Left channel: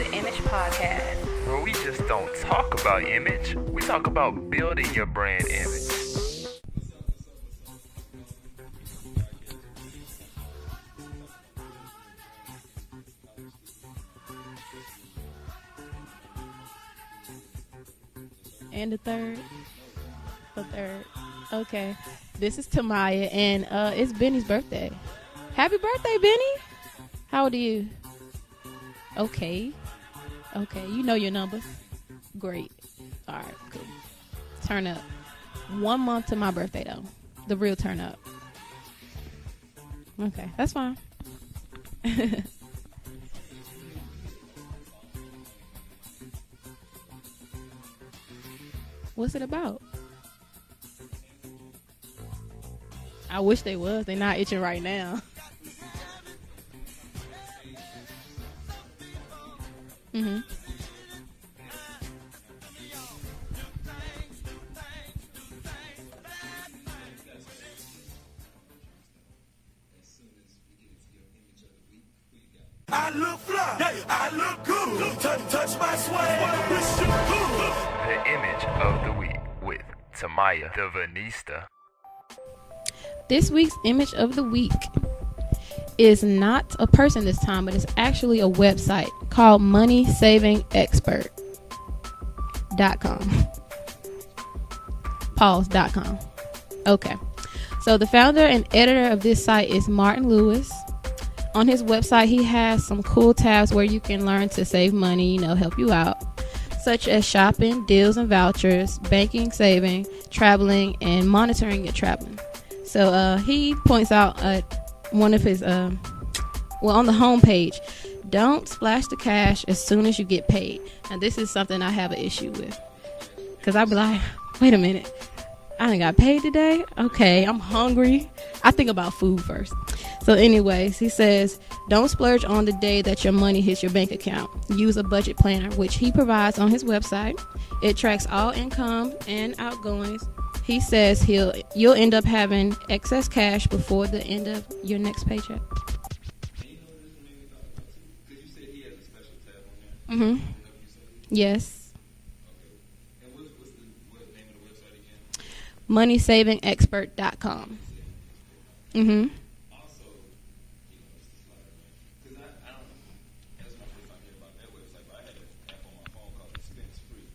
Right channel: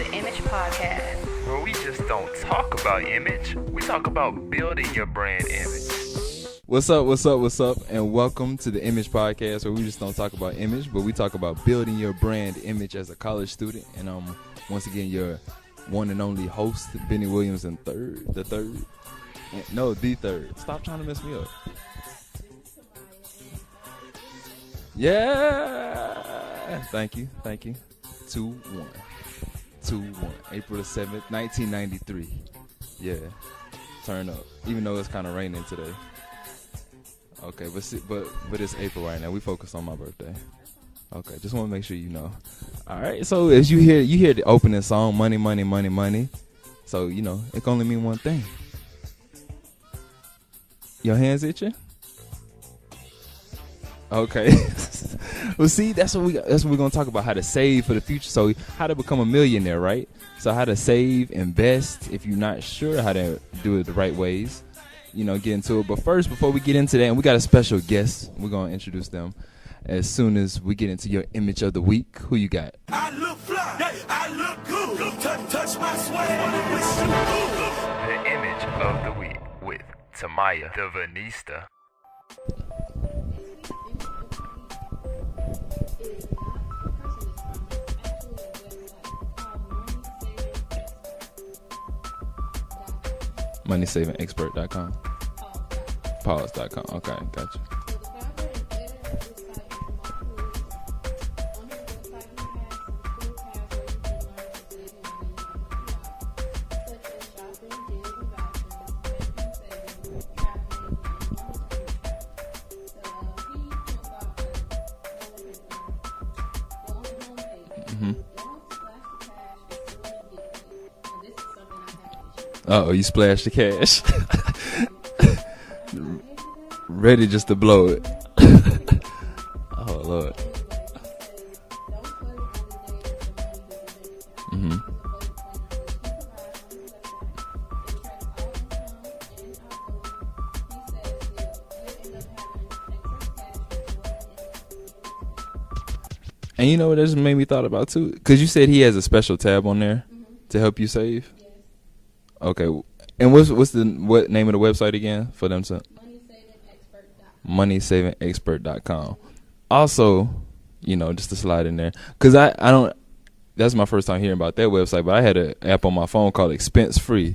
the Image Podcast, where we just don't talk about image, we talk about building your brand image. What's up, and welcome to the Image Podcast, where we just don't talk about image, but we talk about building your brand image as a college student. And once again, your one and only host, Benny Williams, the third. No, the third. Stop trying to mess me up. Okay. This is Tamaya, and it's Benny's birthday. Yeah. Happy birthday, Benny. Thank you. How old are you? 2-1. Okay. 2-1. April 7th, You know your number. 1993. Great. Yeah. All right. Turn up. Turn know up. It's kind of raining today. 1 month to my birthday, though. The Okay, real but turn up. But it's April right now. We focus on my birthday. Okay, that's fine. Okay, just want to make sure you know. All right, so as you hear the opening song, money, money, money, money. So, it can only mean one thing. What's it about? Your hands itching? I wish they was. They're not Okay. even right now. Well, see, that's what we're going to talk about, how to save for the future. So how to become a millionaire, right? Mm-hmm. So how to save, invest, if you're not sure how to do it the right ways, get into it. But first, before we get into that, and we got a special guest, we're going to introduce them as soon as we get into your image of the week. Who you got? I look fly, I look good. Touch my swag, wish you good. The image of the week with Tamaya the Vanista. This week's image of the week is not a person this time, but it's actually a website called MoneySavingExpert.com. MoneySavingExpert.com. Pause.com. Pause.com. Okay. Gotcha. So the founder and editor of this site is Martin Lewis. On his website, he has some cool tabs where you can learn to save money, help you out, such as shopping, deals and vouchers, banking, saving, traveling, and monitoring your traveling. So he points out one of his, on the home page, don't splash the cash as soon as you get paid. Now, this is something I have an issue with. Uh-oh, you splashed the cash. Because I be like, wait a minute. I done got paid today. Ready Okay, just to I'm blow it. hungry. I think about food first. Oh, Lord. So anyways, he says, don't splurge on the day that your money hits your bank account. Use a budget planner, which he provides on his website. It tracks all income and outgoings. He says you'll end up having excess cash before the end of your next paycheck. And you know what this made me thought about too? Because you said he has a special tab on there to help you save. Yes. Okay. And what name of the website again for them to? MoneySavingExpert.com. MoneySavingExpert.com. Also, just to slide in there, because I don't. That's my first time hearing about that website, but I had an app on my phone called Expense Free.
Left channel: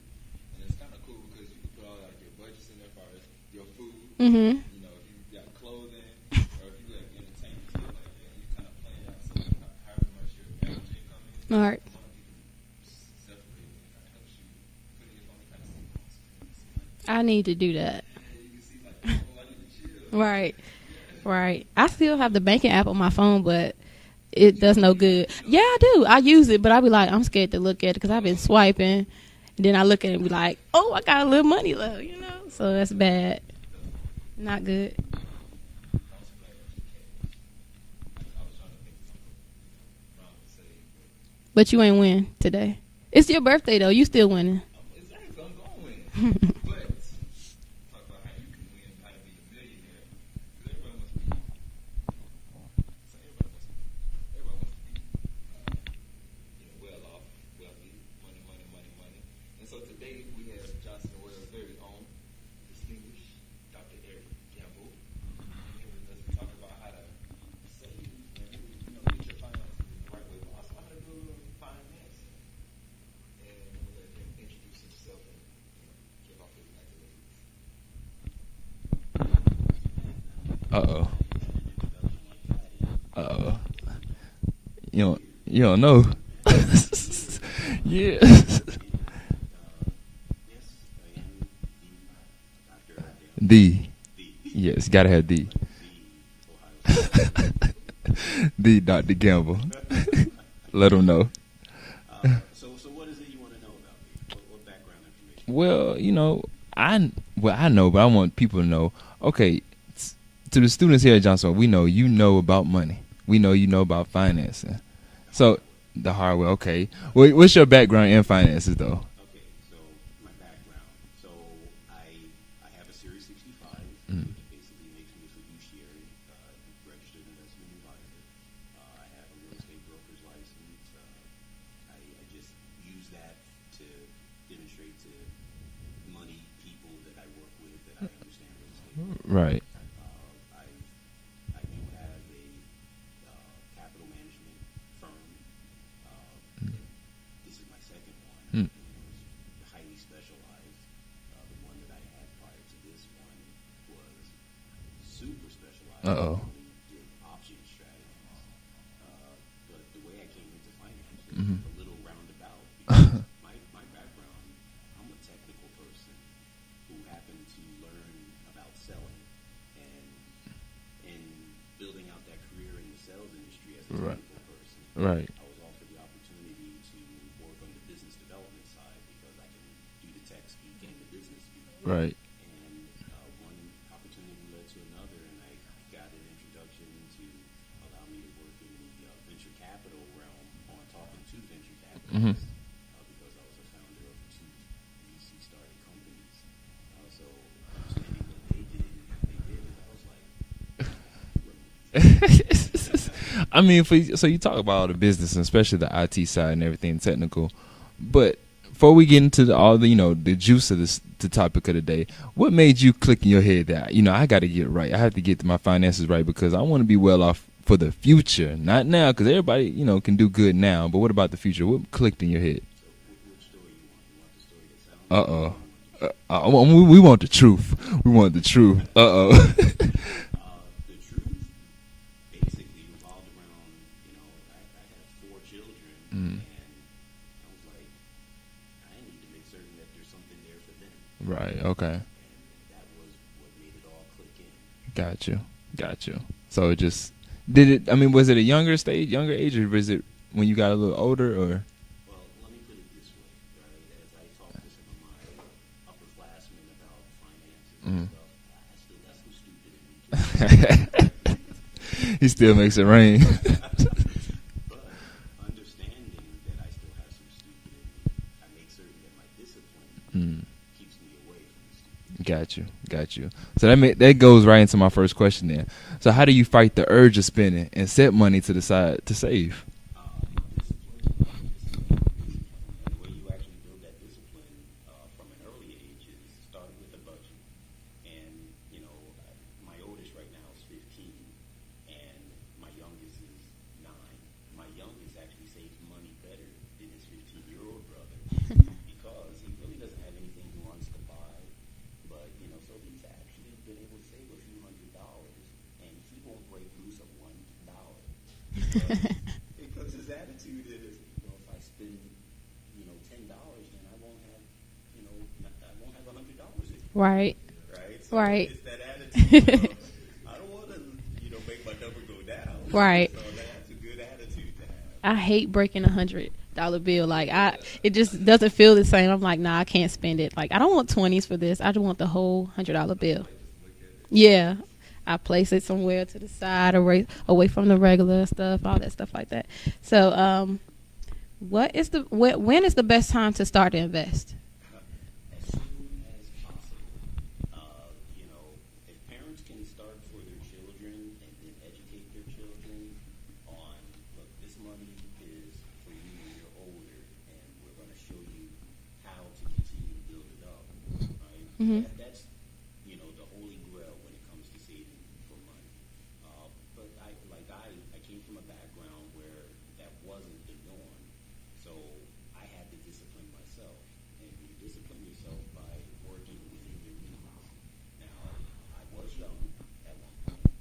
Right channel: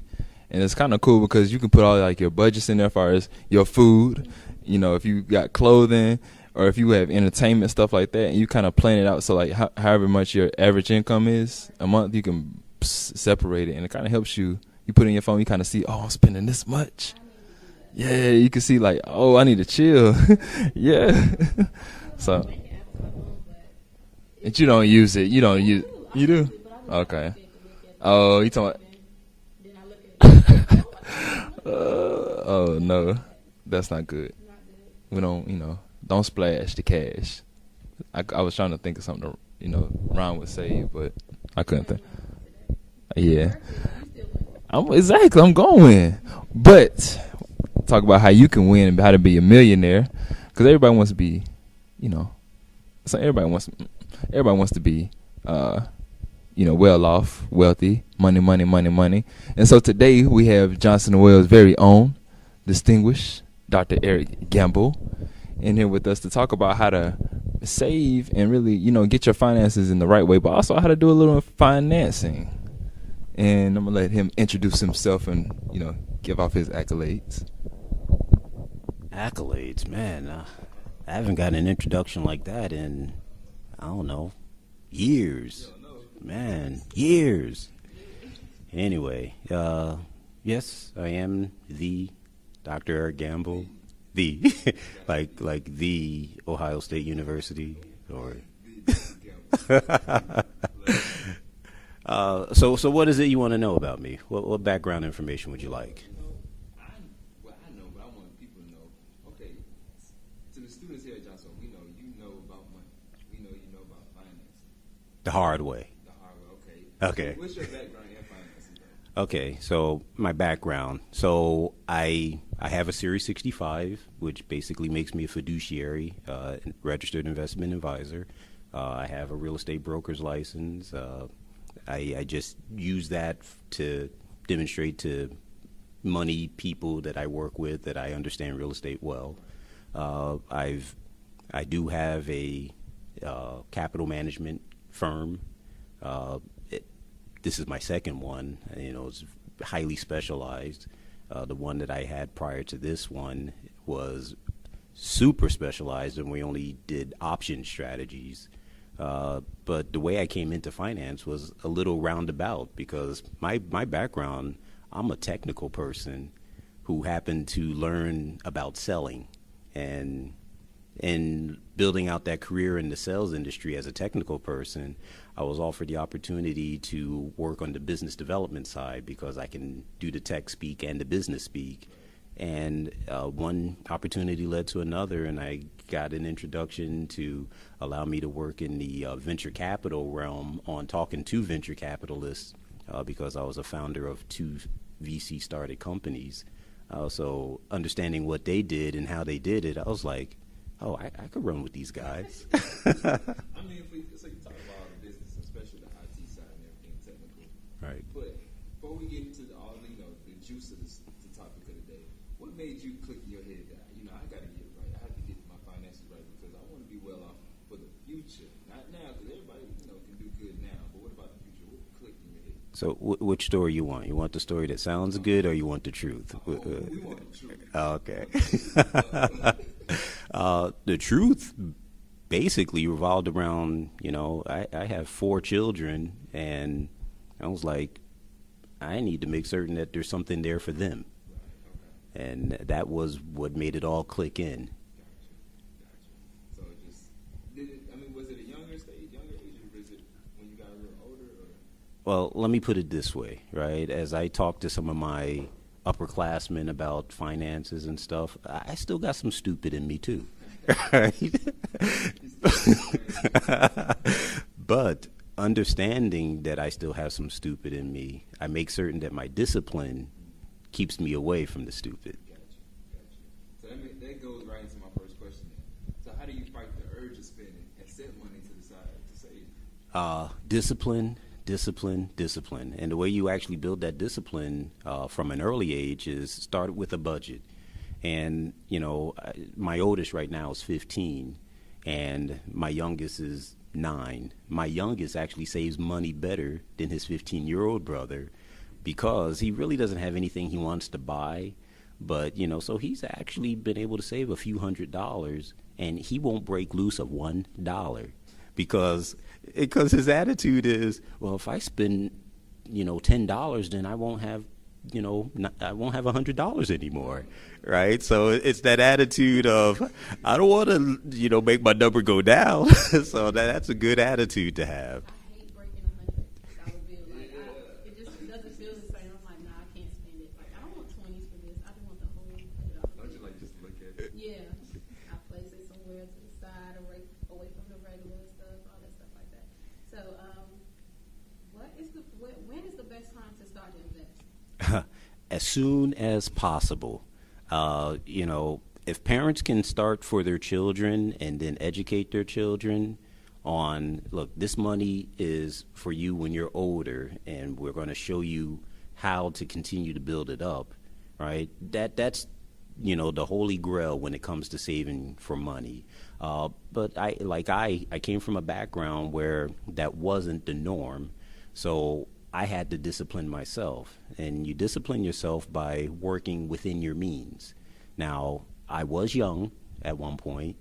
And it's kind of cool because you can put all your budgets in there as far as your food, if you got clothing or if you have entertainment, stuff like that, and you kind of plan it out. So however much your average income is a month, you can separate it, and it kind of helps you. You put it in your phone, you kind of see, I'm spending this much. I need to do that. Yeah, you can see I need to chill. Right. Yeah. Right. I still have the banking app on my phone, but you does don't no use good. it. You don't. Yeah, use I do. I use it, but I be like, Okay. I'm scared to look at it because I've been you swiping. Then I look at it and be like, I got a little money left. So that's bad. That's not good. Not good. We don't, don't splash the cash. I was trying to think of something to, rhyme with save, but you ain't win today. It's your birthday, though. You still winning. I'm going to win. But talk about how you can win and how to be a millionaire, because everybody wants to be, so everybody wants to be, well off, wealthy, money, money, money, money. And so today we have Johnson & Wales' very own distinguished Dr. Eric Gamble in here with us to talk about how to save and really, get your finances in the right way, but also how to do a little financing. And I'm going to let him introduce himself and, give off his accolades. Accolades, man. Uh-oh. I haven't gotten an introduction like that in, Uh-oh. I don't know, You years. don't know. Man, years. Yeah. Anyway, yes, I am the Dr. Eric Gamble. The. Yes, gotta have like, the. Like the Ohio State University. The Dr. Gamble. Let him know. So what is it you want to know about me? What background information? Well, I know, but I want people to know. Okay, to the students here at Johnson, we know you know about money. We know you know about financing. The hard way. The hard way. Okay. What's your background in finances, though? Okay, so my background. So I have a Series 65, which basically makes me a fiduciary, registered investment advisor. I have a real estate broker's license. I just use that to demonstrate to money people that I work with that I understand real estate well. Right. I do have a capital management firm. This is my second one. You know, it's highly specialized. The one that I had prior to this one was super specialized, and we only did option strategies. But the way I came into finance was a little roundabout because my background, I'm a technical person who happened to learn about selling, and building out that career in the sales industry as a technical person, I was offered the opportunity to work on the business development side because I can do the tech speak and the business speak. Right. And one opportunity led to another, and I got an introduction to allow me to work in the venture capital realm on talking to venture capitalists because I was a founder of 2 VC started companies. So understanding what they did and how they did it, I was like, oh, I could run with these guys. I mean, so you talk about all the business, and especially the IT side and everything technical. Right. But before we get into all the, the juice of the topic of the day, what made you click in your head that, I got to get it right? I have to get my finances right because I want to be well off for the future, not now, because everybody, can do good now. But what about the future? What clicked in your head? So which story you want? You want the story that sounds good, or you want the truth? We want the truth. We want the truth. The truth basically revolved around, I have 4 children, and I was like, I need to make certain that there's something there for them. Right, okay. And that was what made it all click in. Got you. So it just... was it a younger age, or was it when you got a little older, or? Well, let me put it this way, right? As I talked to some of my upperclassmen about finances and stuff, I still got some stupid in me too. He still makes it rain. But understanding that I still have some stupid in me, I make certain that my discipline keeps me away from the stupid. Got you. So that goes right into my first question then. So how do you fight the urge of spending and set money to the side to save? Discipline. And the way you actually build that discipline from an early age is start with a budget. And, my oldest right now is 15, and my youngest is 9. My youngest actually saves money better than his 15-year-old brother because he really doesn't have anything he wants to buy. But, so he's actually been able to save a few $100s, and he won't break loose of $1 because his attitude is, well, if I spend, $10, then I won't have, I won't have $100 anymore. Right. So it's that attitude of, I don't want to, make my number go down. Right. So that's a good attitude to have. I hate breaking $100 bill. It just doesn't feel the same. I'm like, nah, I can't spend it. Like, I don't want 20s for this. I just want the whole $100 bill. Yeah. I place it somewhere to the side, away from the regular stuff, all that stuff like that. So, when is the best time to start to invest? As soon as possible. If parents can start for their children and then educate their children on, look, this money is for you when you're older, and we're going to show you how to continue to build it up, right? That's the holy grail when it comes to saving for money. But I came from a background where that wasn't the norm, so I had to discipline myself. And you discipline yourself by working within your means. Now, I was young at one point,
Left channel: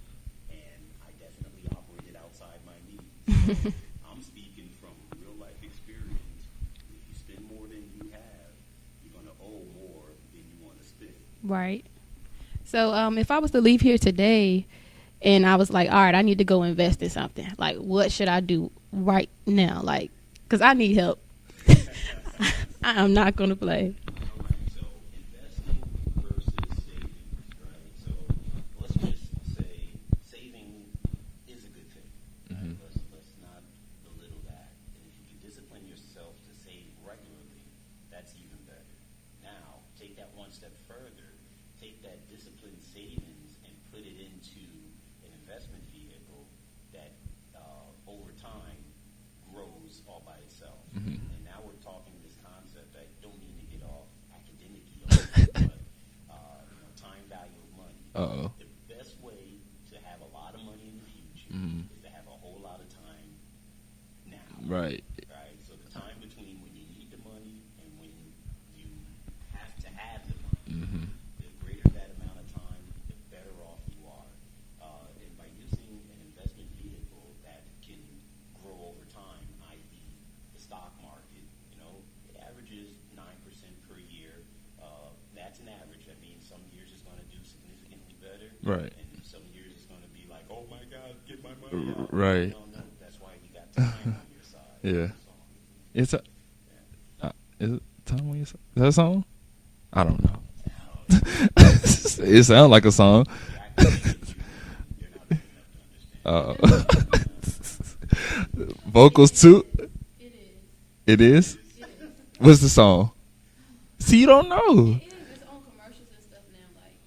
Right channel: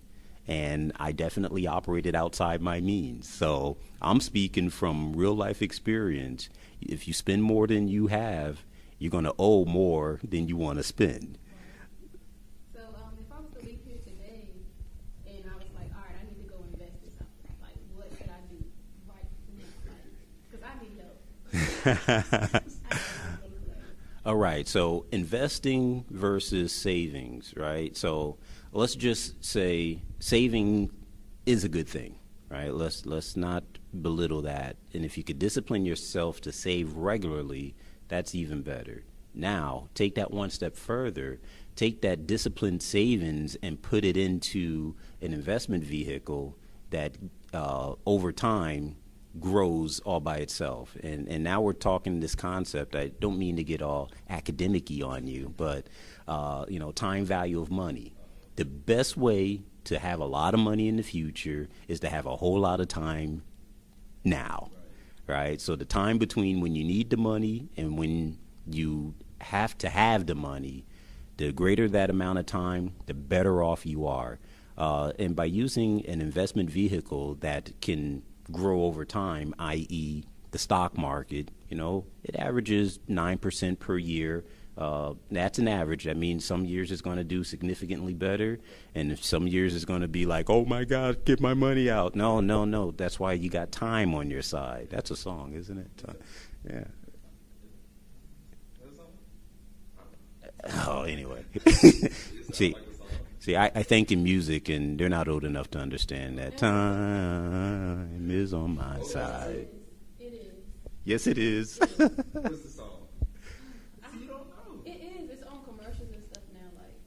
and I definitely operated outside my means. So I'm speaking from real life experience. If you spend more than you have, you're going to owe more than you want to spend. Right. So if I was to leave here today and I was like, all right, I need to go invest in something, like, what should I do right now? Like, because I need help. I'm not going to play. All right. So investing versus savings, right? So let's just say saving is a good thing, right? Let's not belittle that. And if you could discipline yourself to save regularly, that's even better. Now, take that one step further. Take that disciplined savings and put it into an investment vehicle that over time grows all by itself. And now we're talking this concept. I don't mean to get all academic-y on you, but time value of money. Uh-oh. The best way to have a lot of money in the future is to have a whole lot of time now. Right. So the time between when you need the money and when you have to have the money, the greater that amount of time, the better off you are. And by using an investment vehicle that can grow over time, i.e. the stock market, it averages 9% per year. That's an average. That means some years it's going to do significantly better. Right. And if some years it's going to be like, oh, my God, get my money out. Right. No. That's why you got time on your side. Yeah. That's a song, isn't it? It's Yeah. is it Time on Your Side? Is that a song? I don't know. Oh, yeah. It sounds like a song. See, I think in music, and they're not old enough to understand that. Time is on my Vocals side. too. Yes, It is. What's the song? See, you don't know. It's on commercials and stuff now.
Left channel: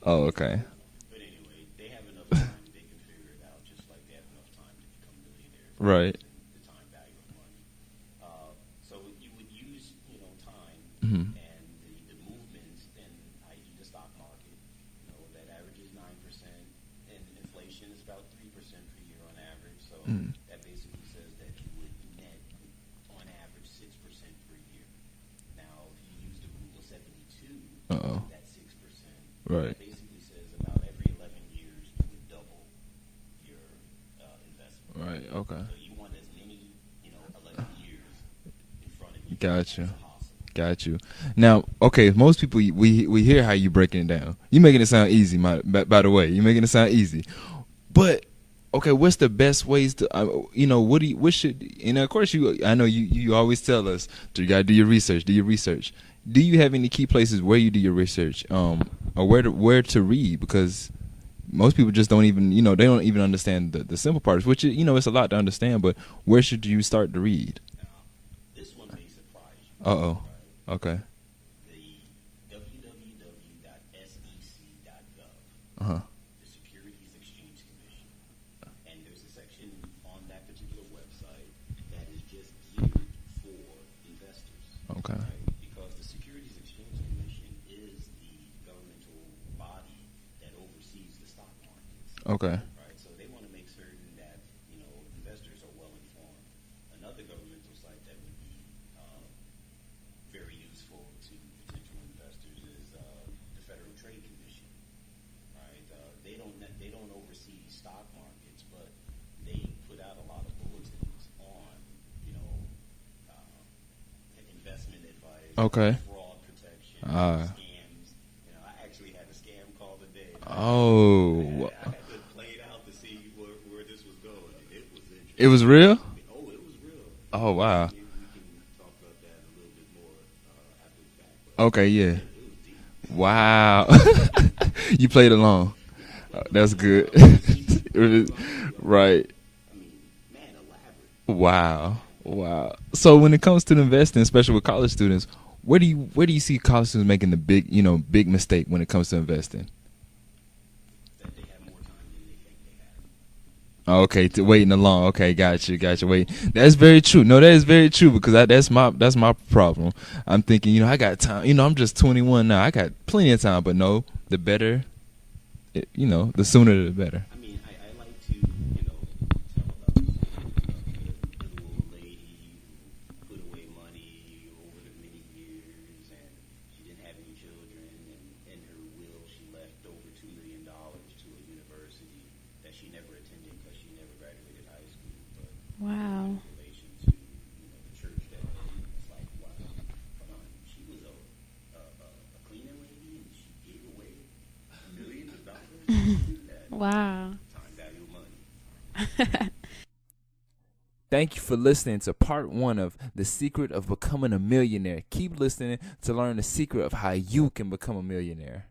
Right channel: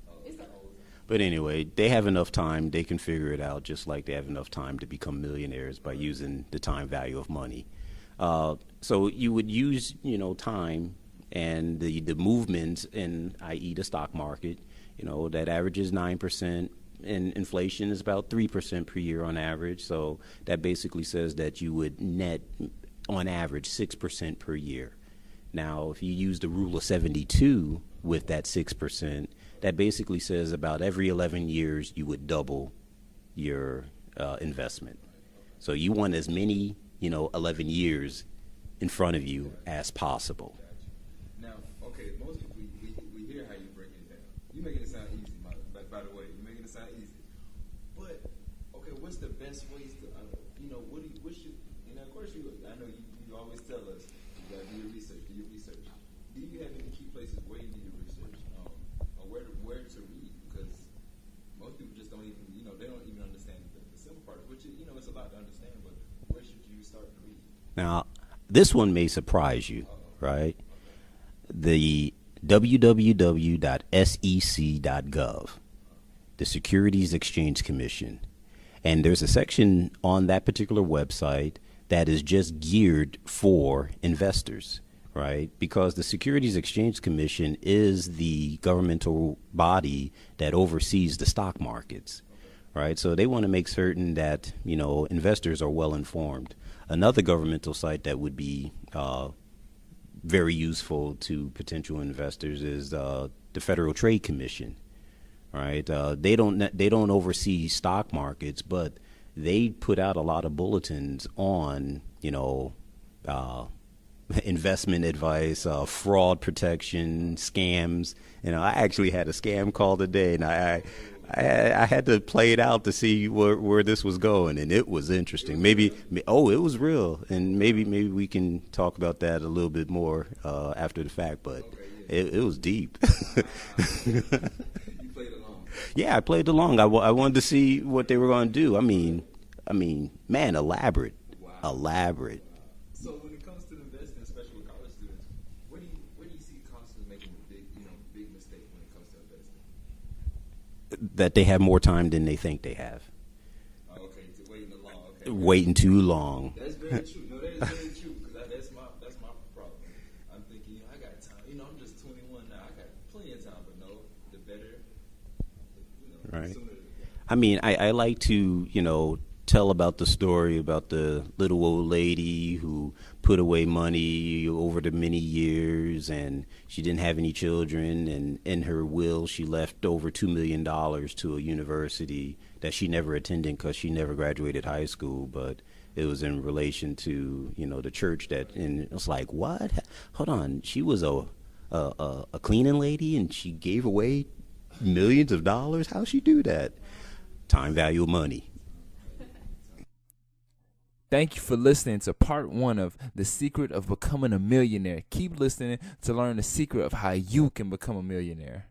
Oh, okay. But anyway, they have enough time. They can figure it out, just like they have enough time to become millionaires by Right. using the time value of money. So you would use, time and the movements in, i.e. the stock market, that averages 9%, and inflation is about 3% per year on average. So that basically says that you would net, on average, 6% per year. Now, if you use the rule of 72 with that 6%, Right. that basically says about every 11 years you would double your investment. Right. Okay. So you want as many, 11 years in front of you Gotcha. as possible. Got you. Now, okay, most people we hear how you breaking it down. You making it sound easy, by the way. You making it sound easy. But okay, what's the best ways to what should, and of course I know you always tell us you got to do your research. Do you have any key places where you do your research, or where to read? Because most people just don't even, they don't even understand the simple parts, which is, it's a lot to understand, but where should you start to read? Now, this one may surprise you. Right? Okay. The www.sec.gov, the Securities Exchange Commission. And there's a section on that particular website that is just geared for investors, Okay. right? Because the Securities Exchange Commission is the governmental body that oversees the stock markets, Okay. right? So they want to make certain that, investors are well informed. Another governmental site that would be very useful to potential investors is the Federal Trade Commission. Right, they don't oversee stock markets, but they put out a lot of bulletins on investment advice, Okay. fraud protection, scams. I actually had a scam call today, and I had to play it out to see where this was going, and it was interesting. It was real? It was real. And wow. maybe we can talk about that a little bit more after the fact. But Okay, yeah. it was deep. Wow. You played along. Yeah, I played That's along. good. I wanted to see what they were going to do. Right. Man, elaborate. Wow. Elaborate. Wow. So when it comes to investing, especially with college students, where do you see college students making the big mistake when it comes to investing? That they have more time than they think they have. Okay, waiting along. Okay, got Waiting you. too Wait, long. that's very true. No, that is very true because that's my problem. I'm thinking, I got time. I'm just 21 now. I got plenty of time, but no, the better. The sooner the better. I like to, tell about the story about the little old lady who put away money over the many years, and she didn't have any children, and in her will she left over $2 million to a university that she never attended because she never graduated high school, but it was in relation to, the church and it was like, what? Hold on, she was a cleaning lady and she gave away millions of dollars? How'd she do that? Wow. Time value of money. Thank you for listening to part 1 of The Secret of Becoming a Millionaire. Keep listening to learn the secret of how you can become a millionaire.